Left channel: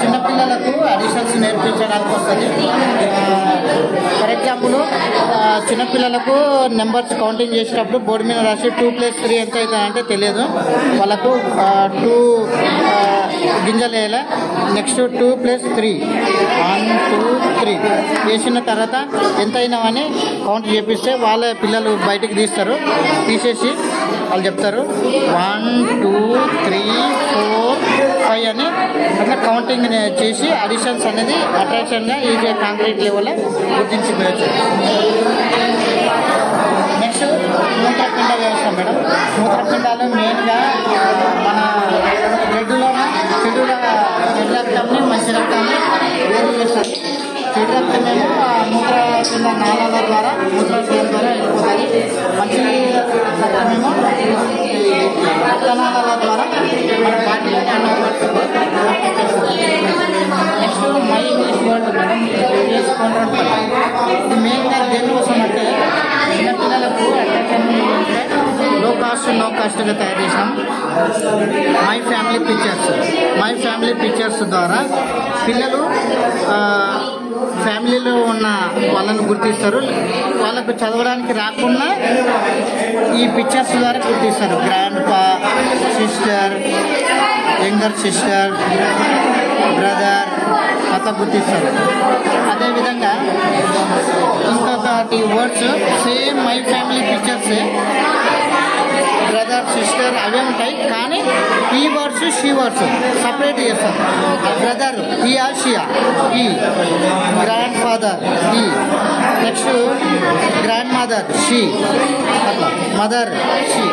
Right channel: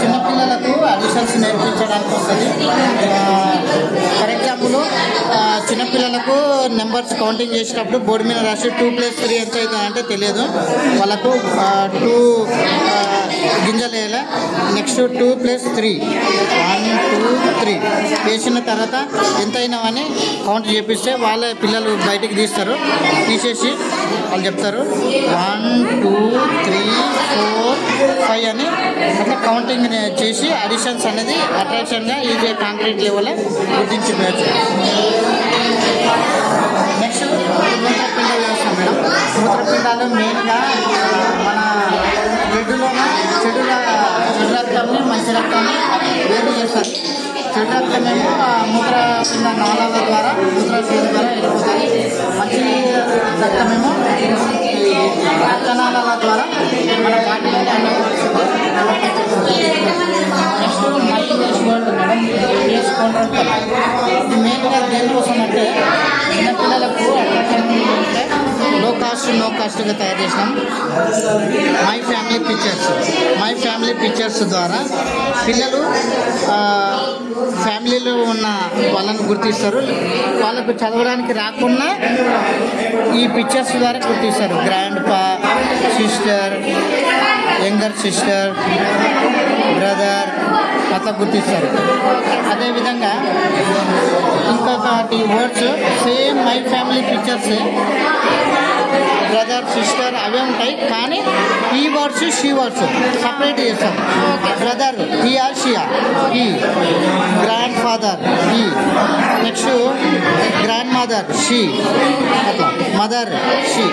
చిన్నపిల్లలకు అడిషన్స్ నేర్పించడానికి వస్తుంది. ఫర్ ఎగ్జాంపుల్ చిన్నపిల్లలకు నెంబర్స్ కౌంటింగ్ చేసేటప్పుడు బోర్డు మీద రాసి 2+3 ఎంత అవుతుంది అంటే తెలియదు వాళ్ళకు. 2 గింజలు వేయాలి. నెక్స్ట్ 2+3 1 2 3 వేసిన తర్వాత ఎంత అయినామని కౌంట్ చేపిస్తే వాళ్ళ పిల్లలు బయటికి తీసేసి వాళ్ళు చెప్తారు 1 2 3 4 5 అని అట్లా కౌంటింగ్ చేసి అడిషన్స్ అనేది అట్రాక్షన్గా ఈజీగా కాంక్రీట్ లెవెల్లో గుర్తించుకోవచ్చు. నెక్స్ట్ మూత్రపిండ వ్యవస్థ మేడం. మూత్రపిండాలు మెయిన్గా మన బ్లడ్లోనే చెడు రక్తాన్ని మంచి రక్తాన్ని వేరు చేస్తారు. చెడు రక్తమేమో మూత్రపిండ నాళాల ద్వారా మూత్రాశయం ద్వారా వెళ్ళిపోతాయి. మంచి రక్తమేమో రక్తనాళాల ద్వారా మన బాడీలోనే next my English word madam face counter. ఇది మెయిన్గా దేనికోసం అంటే చిన్నపిల్లలకు అట్రాక్షన్ ఉంటే నో కాస్ట్గా తయారు చేసాం. మై ఫ్యామిలీ పిక్చర్స్ ద్వారా పిల్లలు ఫ్యామిలీలో ఉన్న వాళ్ళను గుర్తిస్తారు. వాళ్ళకు చదవడానికి రాకుండా ఈ పిక్చర్స్ ద్వారా గుర్తిస్తారు. గ్రాండ్ పా, సిస్టర్, యంగర్ సిస్టర్, బ్రదర్ అట్లా గుర్తిస్తారు. అదేవిధంగా ఇంకొకటి words same my family pictures brother sister అవే ఉంటాయి. కానీ ఈ వర్డ్స్ షీ వర్డ్స్ సపరేట్ చేస్తారు. బ్రదర్ ఈ ఆర్ షియా, ఈ గ్రాండ్ ఫాదర్ ఈ, నెక్స్ట్ గ్రాండ్ మదర్ షీ, అట్లా మదర్ షీ.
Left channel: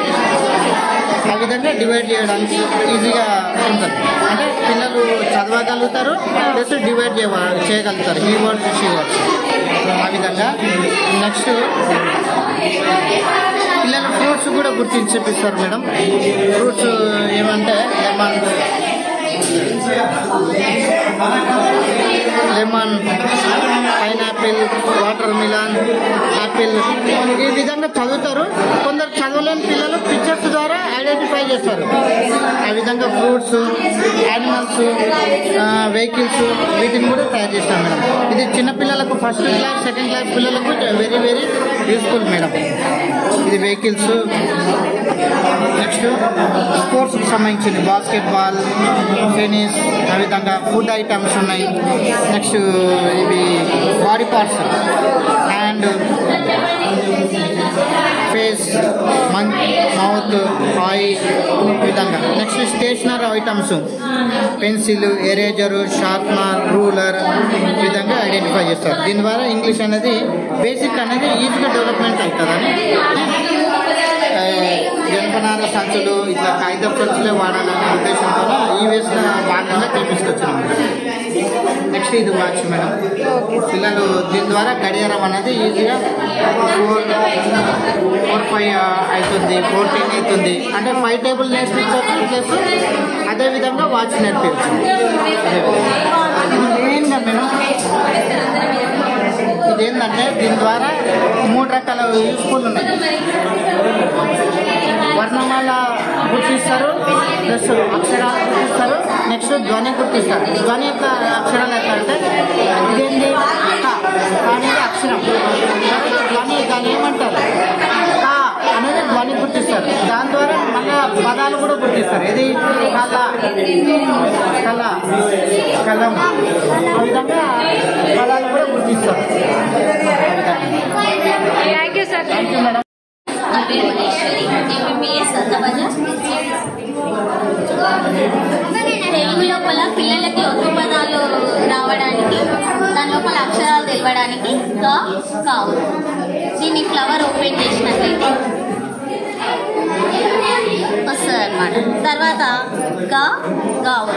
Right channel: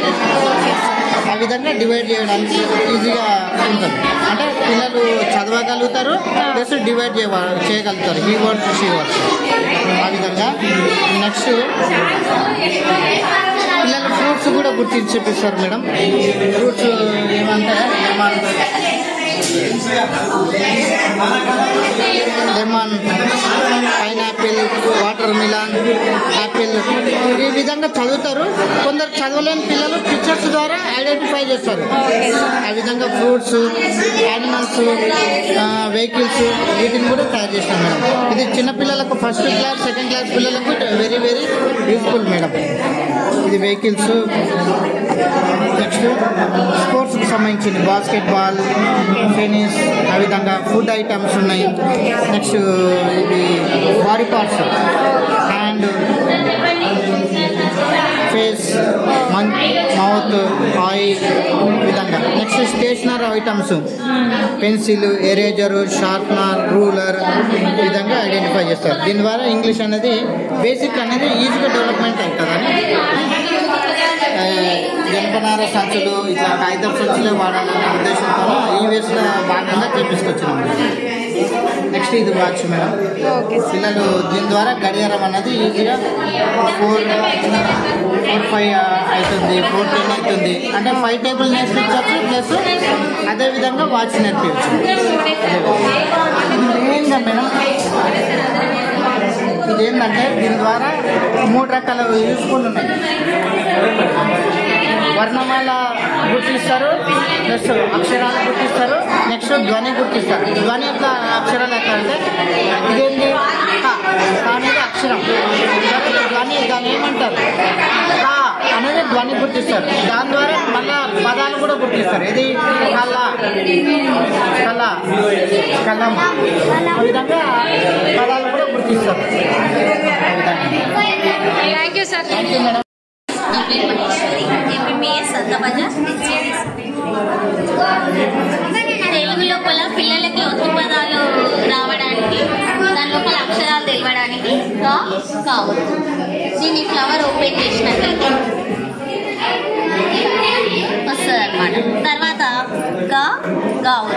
ఆ విధంగా డివైడ్ చేయడానికి ఈజీగా ఉంటుంది. అంటే పిల్లలు చదవగలుగుతారు ప్లస్ డివైడ్ చేయగలుగుతారు ఈ వర్డ్స్ షీ వర్డ్స్. ఆ విధంగా నెక్స్ట్ పిల్లలు ఫ్రూట్స్ కూడా గుర్తించిస్తారు మేడం. ఫ్రూట్స్ ఏమంటే lemon, pineapple, watermelon, apple ఈ విధంగా చదువుతారు. కొందరు చదవలేని పిల్లలు పిక్చర్స్ ద్వారా ఐడెంటిఫై చేస్తారు. ఆ విధంగా ఫ్రూట్స్, యానిమల్స్, వెహికల్స్ వీటిని కూడా తయారు చేస్తాం మేడం. ఇది చిన్నపిల్లలకు ఫస్ట్ క్లాస్ సెకండ్ క్లాస్ పిల్లలకు వెరీ వెరీ యూస్ఫుల్ మేడం. ఇది వెహికల్స్. నెక్స్ట్ స్పోర్ట్స్కి సంబంధించింది బాస్కెట్బాల్, టెన్నిస్, ఆ విధంగా ఫుడ్ ఐటమ్స్ ఉన్నాయి. నెక్స్ట్ ఇవి body parts, hand, face, mouth, eye విధంగా. Next stationery items pencil, eraser, sharpener, ruler ఈ విధంగా ఐడెంటిఫై చేస్తారు. దీని ద్వారా ఇంగ్లీష్ అనేది బేసిక్ అనేది ఈజీగా డెవలప్మెంట్ అవుతుందని జనపనార సంచులు ఇట్లా కాగితం సంచులు వాడాలనే ఉద్దేశంతో ఈ వేసిన భాగంగా తీసుకొచ్చాము. నెక్స్ట్ ఇది వాచ్ మేడం. పిల్లలు దీని ద్వారా గడియారం అనేది ఈజీగా 4-5 అవుతుంది, 4-10 అవుతుంది. అంటే 5 టేబుల్ నేర్పించవచ్చు ప్లస్ అదేవిధంగా వాచ్ నేర్పించవచ్చు. మెయిన్గా మేడం ఇదేంటంటే దీని ద్వారా 3 రకాల యూస్ఫుల్ ఉన్నాయి. వర్ణమాల గుర్తిస్తారు, ప్లస్ అక్షరాలు గుర్తిస్తారు, నెక్స్ట్ ధ్వని గుర్తిస్తారు. ధ్వని యొక్క అక్షరాలు ఎట్లా అంటే ఇదేంటి అనేది అక్షరం, దాన్ని ఏమంటారు అనేది ధ్వని గుర్తిస్తారు. దాని ద్వారా మళ్ళా పదాలు కూడా గుర్తిస్తారు. ఇది కలం ఆ విధంగా పదాలు కూడా గుర్తిస్తారు. Thank you sir. Thank you madam. నా పేరు మహేశ్వరి, ఎంబీబీఎస్ సంతబజార్. తెలుగు లోపల పిల్లలకి ఒత్తు పదాలు రావడానికి, దాని లోపల అక్షరాలు తెలవడానికి కావచ్చు. దీన్ని ఫ్లవర్ ఓపెన్ చేసినట్లయితే వస్తుంది అనమాట. తర్వాత గావు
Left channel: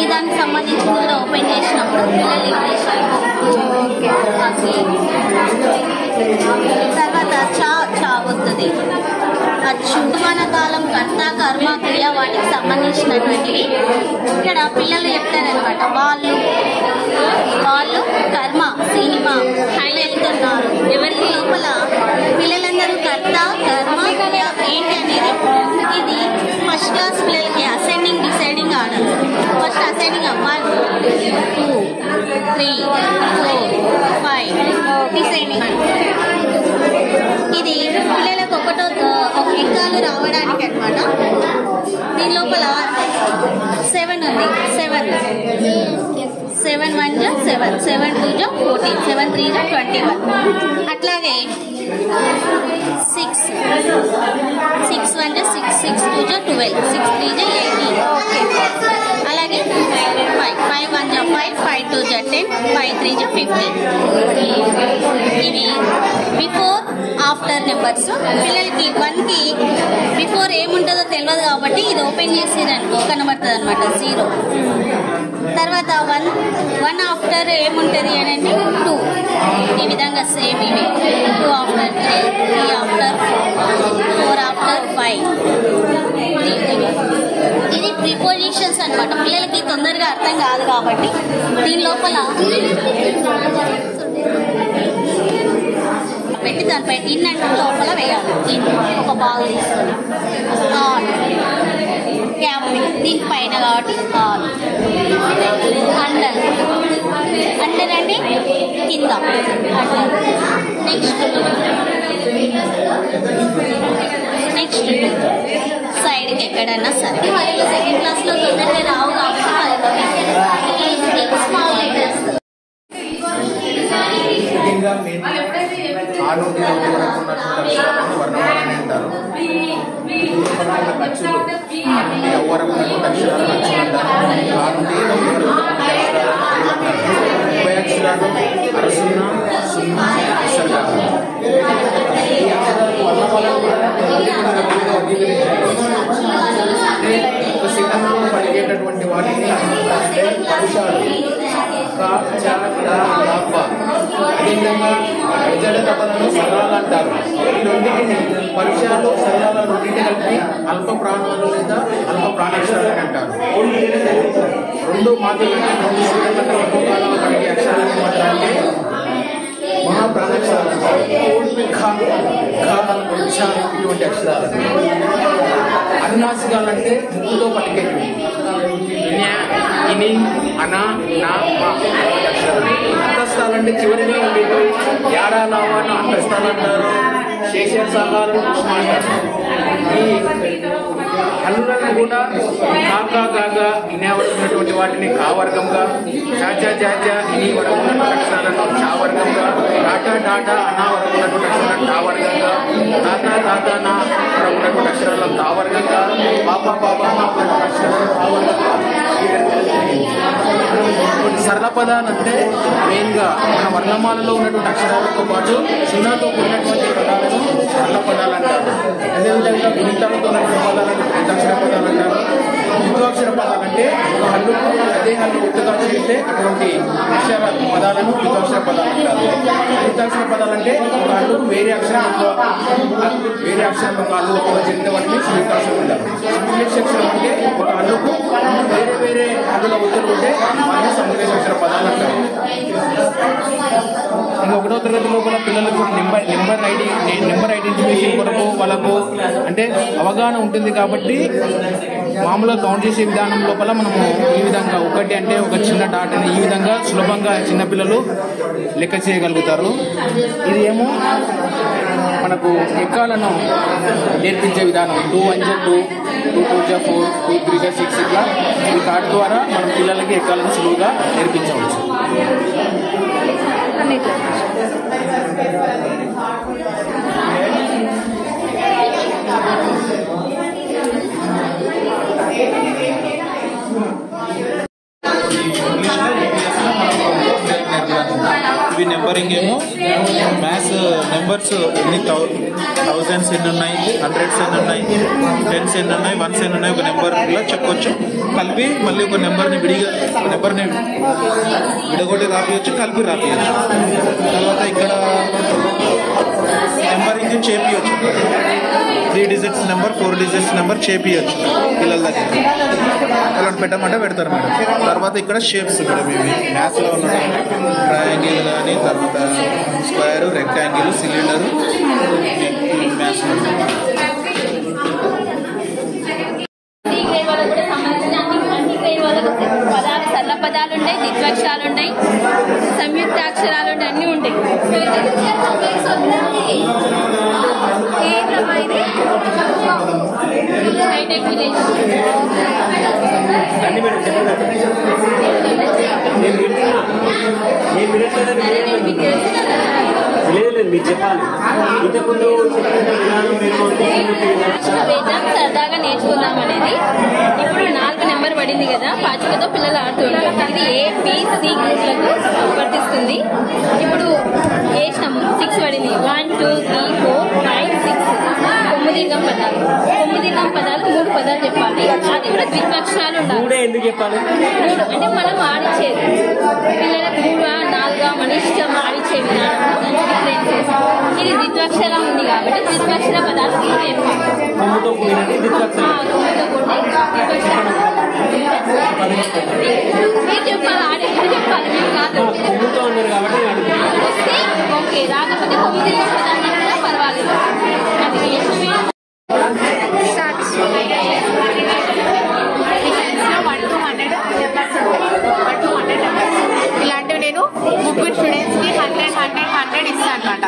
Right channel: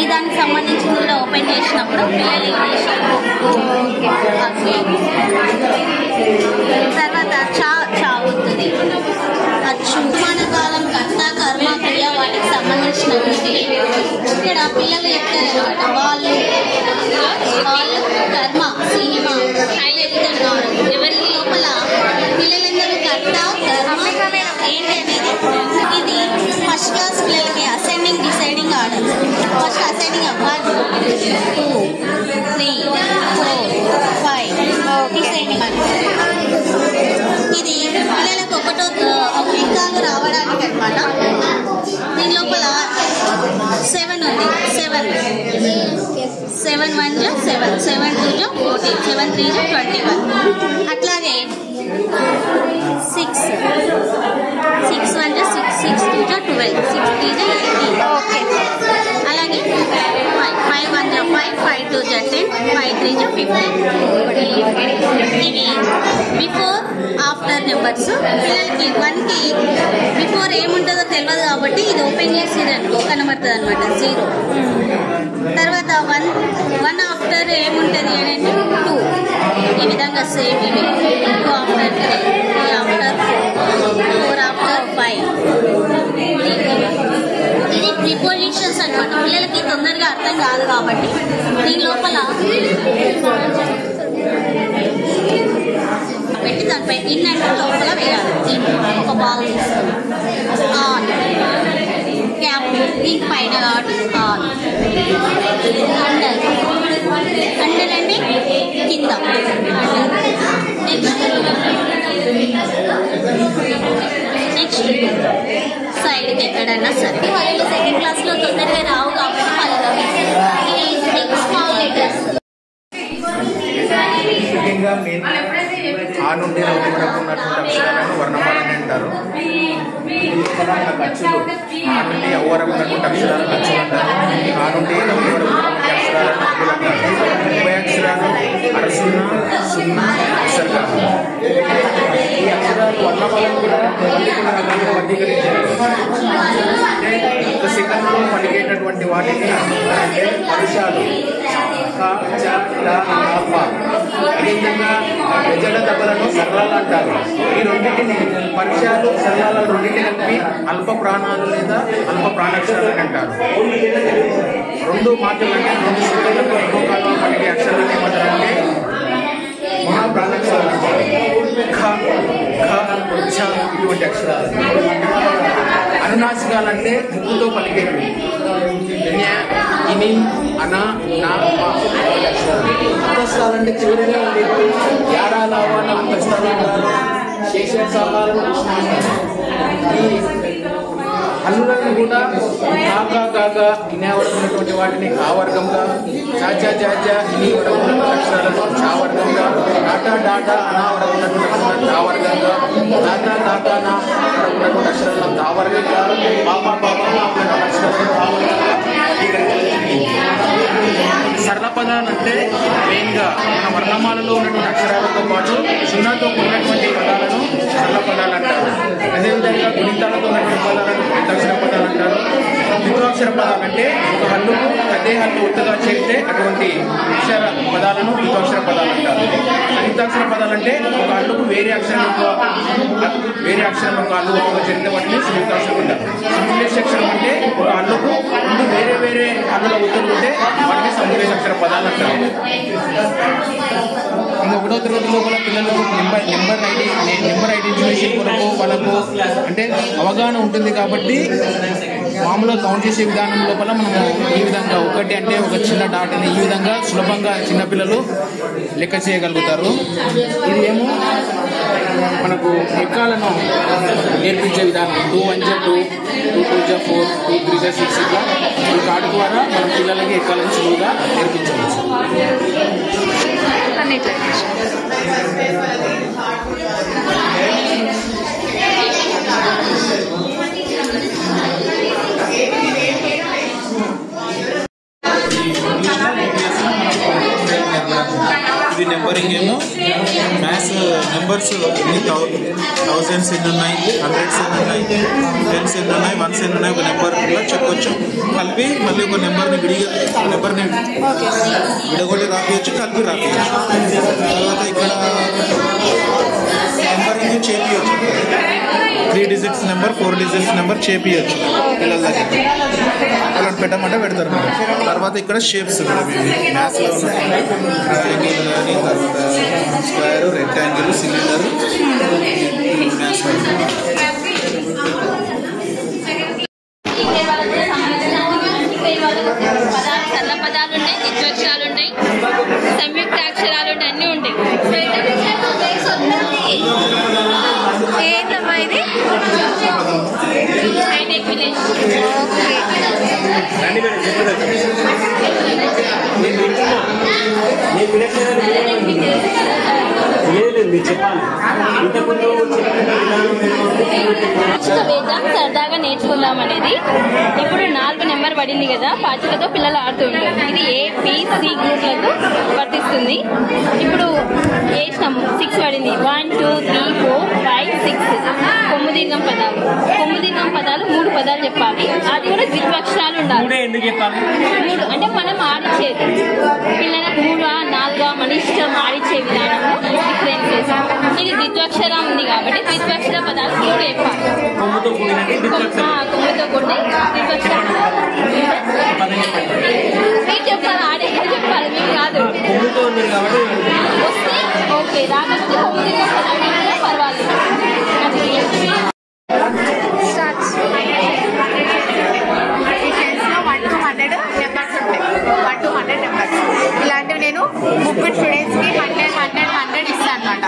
ఈ దానికి సంబంధించింది కూడా ఓపెన్ చేసినప్పుడు పిల్లలు ఇంగ్లీష్. తర్వాత చా వస్తుంది. వర్తమాన కాలం, కర్త, కర్మ, క్రియ వాటికి సంబంధించినటువంటి ఇక్కడ పిల్లలు చెప్తారనమాట. వాళ్ళు కర్మ, సినిమా చెప్తున్నారు. ఎవరికి లోపల పిల్లలందరూ కర్త, కర్మ ఏంటి అనేది ఇది ఫస్ట్ క్లాస్ పిల్లలకి ascending deciding order. First assigning 1 2 3 4 5 assigning ఇది పిల్లలకు ఒక లెక్కలు రావడానికి అన్నమాట. దీని లోపల 7 ఉంది. 7 1 జా 7 7 2 జా 14 7 3 జా 21. అట్లాగే 6 1 జా 6 6 2 జా 12 6 3 జా 18. ఓకే. అలాగే 5 1 జా 5 5 2 జా 10 5 3 జా 15. ఇవి బిఫోర్ ఆఫ్టర్ నెంబర్స్. పిల్లలకి 1కి బిఫోర్ ఏముంటుందో తెలియదు కాబట్టి ఇది ఓపెన్ చేసేదాన్ని కనబడుతుంది అనమాట 0. తర్వాత 1 ఆఫ్టర్ ఏముంటుంది అని 2. ఈ విధంగా సేమ్ ఇవి 2 ఆఫ్టర్ 3 3 ఆఫ్టర్ 4 ఆఫ్టర్ 5. ఇది ప్రిపోజిషన్స్ అనమాట. పిల్లలకి తొందరగా అర్థం కాదు కాబట్టి దీని లోపల పెట్టి దానిపై ఇన్ అంటే లోపల వేయాలి. ఒక బాల్ తీసుకొని ఆన్ క్యాప్ దీని పైన కాబట్టి ఆన్. అండర్ అండర్ అంటే కింద అండర్. నెక్స్ట్ సైడ్కి ఎక్కడన్నా సరే. వాళ్ళు సెకండ్ క్లాస్లో తొందరగా రావు కాబట్టి స్మాల్ లెటర్స్. ముఖ్యంగా మెయిన్ ఆ నుండి నోటి వరకు ఉన్నటువంటి అక్షరాలను వర్ణమాలని అంటారు. ఇందులో మనకు అచ్చులు ఆ నుండి అవ్వ వరకు ఉన్నటువంటి అక్షరాలను అచ్చులు అంటారు. ఆ నుండి నవ్వు వరకు ఉన్నటువంటి అక్షరాలను అచ్చులు అంటారు. 30 అక్షరాలు అరసున్న సున్నా విసర్గాలు. ఈ అక్షరాలు వర్ణమాలను కూడా వర్గీకరించారు. ఒక సెకండ్లో పలికేటటువంటి వాటిని అంటే పరుషాలు కా చ ట ప. అదేవిధంగా జడ తపలను సరళాలు అంటారు. ఈ రెండింటిని పరుషాలు సరళాలు రెండింటిని కలిపి అల్ప ప్రాణాలు లేదా అల్ప ప్రాణాక్షరాలు అని అంటారు. 2 మాటలు అంటే 2 సెకండ్ల కన్నా ఎక్కువ కాలంలో పలికే అక్షరాలు ఏమంటారంటే మహాప్రాణాక్షరాలు అంటారు. ఖ ఖ ఛ ఇటువంటి అక్షరాలు. అనునాసికాలంటే ముక్కుతో పలికేవి. ఇని అన నా మా అక్షరాలు. అంతస్థాలంటే చివరిగా ఉండేవి. యాడాలావా అంతస్థాలు అంటారు. శేషాలు అంటారు. ఈ హల్లులను కూడా కాకా కాగా ఇనే వరకు ఉన్నటువంటి వాటిని కా వర్గంగా, చాచా చాచా ఇని వరకు ఉన్నటువంటి అక్షరాలను చా వర్గంగా, టాటా డాటా అనా వరకు ఉన్నటువంటి అక్షరాలను తా వర్గంగా, తాతా తాతా నా వరకు ఉన్నటువంటి అక్షరాలను తా వర్గంగా, పాప పాప అక్షరాలను తా వర్గంగా. సరళ పదాలు అంటే మెయిన్గా వర్ణమాలలో ఉన్నటువంటి అక్షరాలతో పాటు సున్నాతో ఉన్నటువంటి పదాలను సరళ పదాలు అంటారు. అదేవిధంగా గుణితాలతో ఉన్నటువంటి పదాలను గుణితాక్షర పదాలు అంటారు. ద్వితాక్షర పదాలు అంటే ఒక హల్లుకు అదే హల్లు ఒత్తుగా చేరితే అటువంటి అక్షర పదాలను ద్వితాక్షర పదాలు అంటారు. అనితాక్షర పదాలు అంటే ఒక హల్లుకు వేరే అక్షరం యొక్క హల్లు ఒత్తుగా చేరితే వాటిని సంయుక్తాక్షరం అంటారు. సంశ్లేషాక్షరం అంటే ఒక హల్లుకు 2 వేరే వేరే హల్లుల ఒత్తులు ఉంటే వాటిని సంశ్లేషాక్షర పదాలు అంటారు. ఇంకా 1వ తరగతి లోపల పిల్లలకు నెంబర్ ఐడెంటిఫికేషన్ కొరకు వాళ్ళకు అంటే అవగాహన ఉంటుంది కాబట్టి మామూలుగా కౌంట్ చేసే విధానం లోపల మనము ఈ విధంగా 1 అంటే ఒక చిన్న డాట్ అని ఈ విధంగా సులభంగా చిన్నపిల్లలు లెక్క చేయగలుగుతారు. ఇది ఏమో మనకు ఎక్కాలను నేర్పించే విధానం. 2 1 జా 2 2 2 జా 4 2 3 జా 6 ఇట్లా ఈ కార్డు ద్వారా మనం పిల్లలకి ఎక్కాలను సులువుగా నేర్పించవచ్చు. ఇవి నెంబరింగ్ మ్యాథ్స్ నెంబర్స్ ఎన్ని థౌజండ్స్ ఎన్ని ఉన్నాయి, హండ్రెడ్స్ ఎన్ని ఉన్నాయి, టెన్స్ ఎన్ని ఉన్నాయి, వన్స్ ఎన్ని ఉన్నాయి, ఒక నెంబర్లో చెప్పొచ్చు. కలిపి మళ్ళీ ఒక నెంబర్ని విడగొట్టి రాపియచ్చు, కలిపి రాపియచ్చు. తర్వాత ఇక్కడ నెంబరింగ్ చేపియచ్చు. 3 డిజిట్స్ నెంబర్ 4 డిజిట్స్ నెంబర్ చేపియచ్చు పిల్లల దగ్గర. వాళ్ళని పెట్టమంటే పెడతారు మేడం. తర్వాత ఇక్కడ షేప్స్ మ్యాథ్స్లో ఉన్నటువంటి ట్రయాంగిల్ కానీ, తర్వాత square, rectangle, cylinder maths model పదాలు సరళ పదాలు ఉంటాయి, ద్విత్వక్షరాలు ఉంటాయి, సంయుక్తాక్షరాలు ఉంటాయి, అన్నీ ఉంటాయి. Hi tech village. సరదాగా నేర్చుకుందాం అనేది. ఇప్పుడు 4 నెంబర్ పడింది కదా, పాచికతో పిల్లలు ఆడుతూ ఉంటారు. ఇది ABC గ్రూప్లకు వర్తిస్తుంది. ఇప్పుడు వేసినాము 6 పడింది. 1 2 3 4 5 6 9 పదాలు. 9 పదాలు 3 పదాలు చెప్పాలి. అది కూడా ద్విత్వక్షరాలు ఉండాలి. ఎందుకు చెప్పాలి? 3 అంటే మనం ఆడిచ్చేది పిల్లలకు 3 4 మన ఇష్టం ఆడిచ్చే విధానం డిఫరెన్సెస్. ఇది ద్విత్వక్షరం ఉంది కాబట్టి ద్విత్వక్షర పదాలు 3 చెప్పాలి. కొమ్ముతో కూడిన ద్విత్వక్షర మీరు చెప్పాలి, ఆడే చెప్పాలి, మీకు కాదు. వస్తే ఓకే, రాకపోతే 9 పదాలు కూడా పర్వాలేదు. ఇలాంటివి నేను ముగ్గురు స్టూడెంట్స్కి 100 ఇస్తాను అనమాట.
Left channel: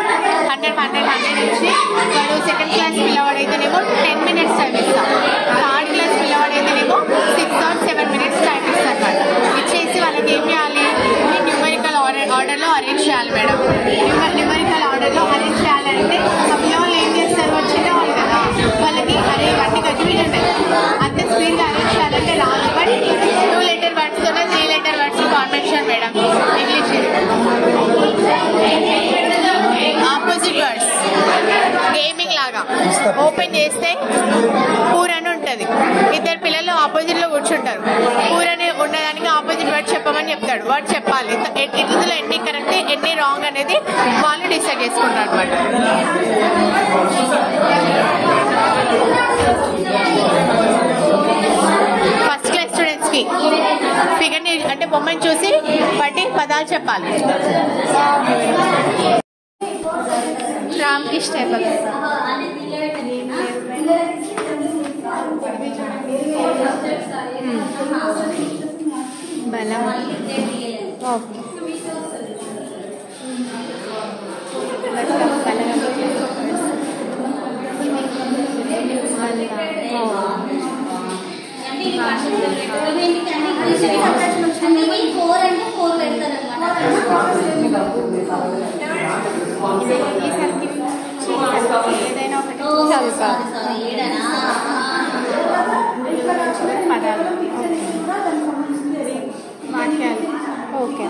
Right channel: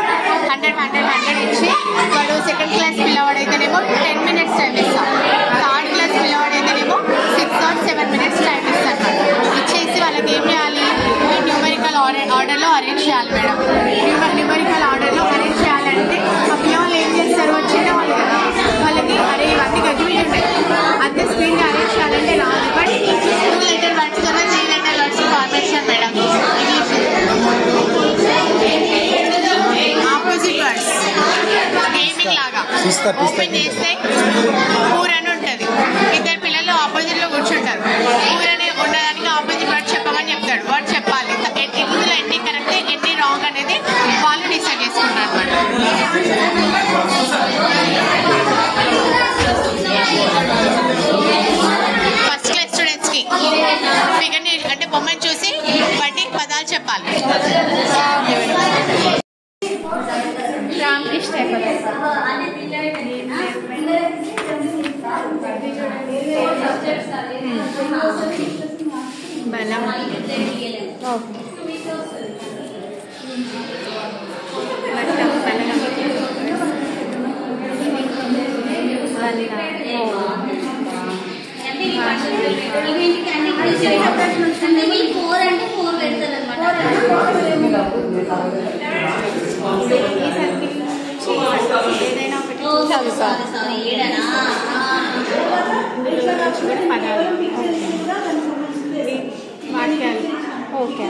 100 ఇచ్చి వాడు సెకండ్ క్లాస్ పిల్లవాడైతేనేమో 10 minutes టైం ఇస్తాం. థర్డ్ క్లాస్ పిల్లవాడైతేనేమో 6 or 7 minutes టైం ఇస్తాను అనమాట. ఇచ్చేసి వాళ్ళకి ఏం చేయాలి, న్యూమరికల్ ఆర్డర్లో అరేంజ్ చేయాలి మేడం. న్యూమరికల్ ఆర్డర్లో అరేంజ్ చేయాలంటే ఆ పిల్లలు ఏం చేస్తారు, వచ్చిన వాళ్ళు కదా, వాళ్ళకి అరే ఇవన్నీ కన్ఫ్యూజన్ ఉంటాయి. అంత స్పీడ్గా అరేంజ్ చేయాలంటే రాదు. బట్ 2 letter words కన్నా 3 letter words combination madam. English opposite words gaming లాగా ఓపెన్ చేస్తే పూర్ అని ఉంటుంది. 2 పిల్లలు ఆపోజిట్లో కూర్చుంటారు. పూర్ అని ఉండడానికి ఆపోజిట్ వర్డ్ చెప్పమని చెప్తాడు. వర్డ్ చెప్పాలి. ఇందులో ఎన్ని కరెక్ట్ ఎన్ని రాంగ్ అనేది వాళ్ళు డిసైడ్ చేసుకుంటారు అనమాట. ఫస్ట్ క్లాస్ స్టూడెంట్స్కి ఫిగర్ని అంటే బొమ్మని చూసి బట్టి పదాలు చెప్పాలి. రామకృష్ణ బలం ఓకే ఏదైనా ఒకటి చదువుకోవాలి. కూడా పదాలు వాక్యాలు ఓకే.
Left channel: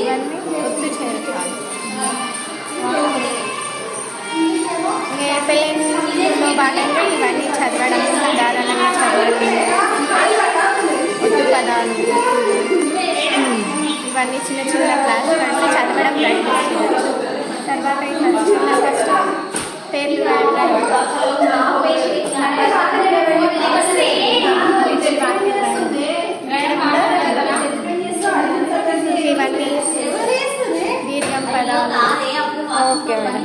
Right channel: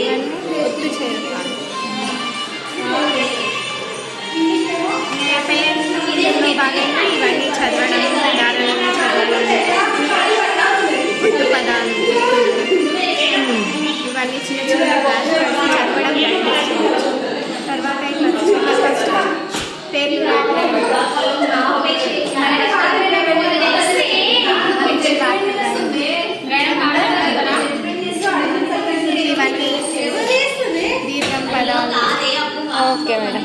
ఇవన్నీ ఒత్తు చేరుకోవాలి. నేపథ్యంలో భాగంగా ఇవన్నీ చదవడం, సాధారణంగా చదవడం, ఒత్తు పదాలు ఇవన్నీ చిన్న చిన్న క్లాస్ కలిసి చదవడం ప్రాక్టీస్ చేయవచ్చు. తర్వాత ఫస్ట్ పేర్లు రాయడం, ఇవన్నీ దీర్ఘం పదాలు ఓకే మేడం.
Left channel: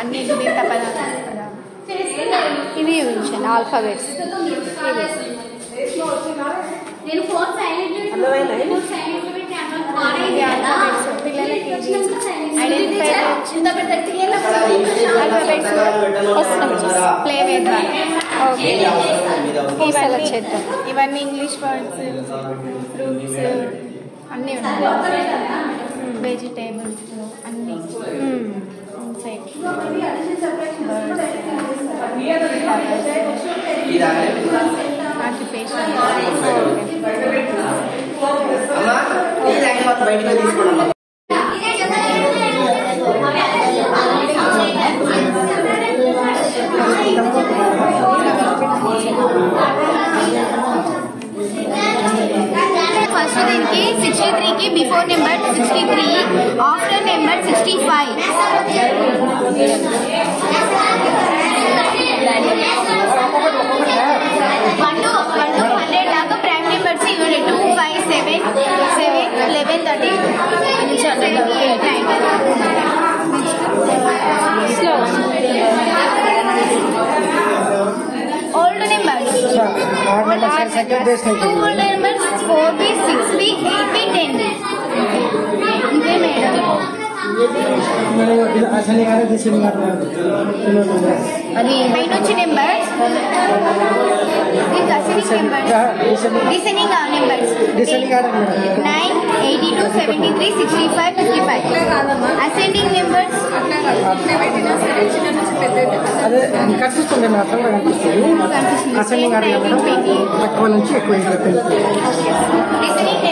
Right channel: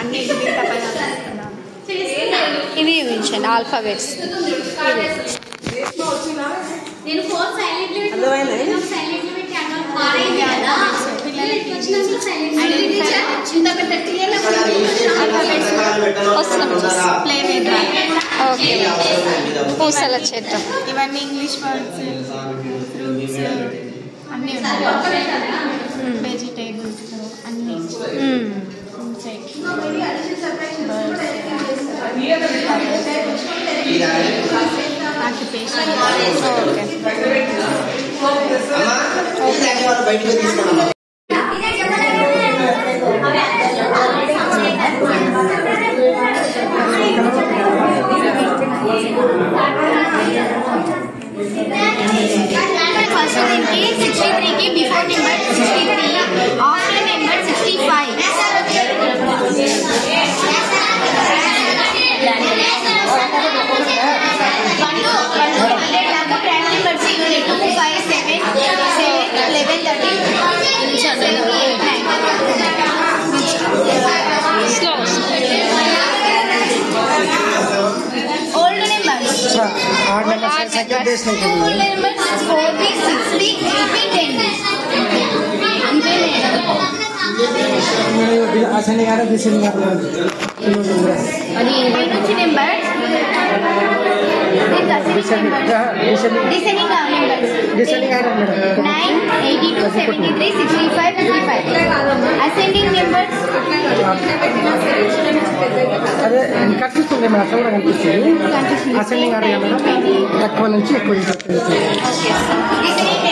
అన్ని దీర్ఘ పదాలు ఇవి చూపించండి. ఆల్ఫాబెట్స్ ఇవి ఓకే. పూసల చెట్టు ఇవన్నీ ఇంగ్లీష్ వర్డ్స్, ఫ్రూట్స్ అన్నీ ఉన్నాయి. వెజిటేబుల్స్ అన్నీ ఆక్యుపేషన్ ఓకే. फर्स्ट की 63 की before number 63 after number 65 1 to 100 lakh prime number से unit 2 5 7 11 13 slow old numbers Two numbers 4B, 6B, 8B, 10B. ఇవే మేడం. పైన వచ్చి numbers descending numbers 9, 82, 73, 65, 55. Ascending numbers కనిపిస్తుంది మాత్రం కనిపిస్తుంది కనిపిస్తుంది 10, 19, 20. తక్కువ నుంచి ఎక్కువ ఓకే. డిసెండింగ్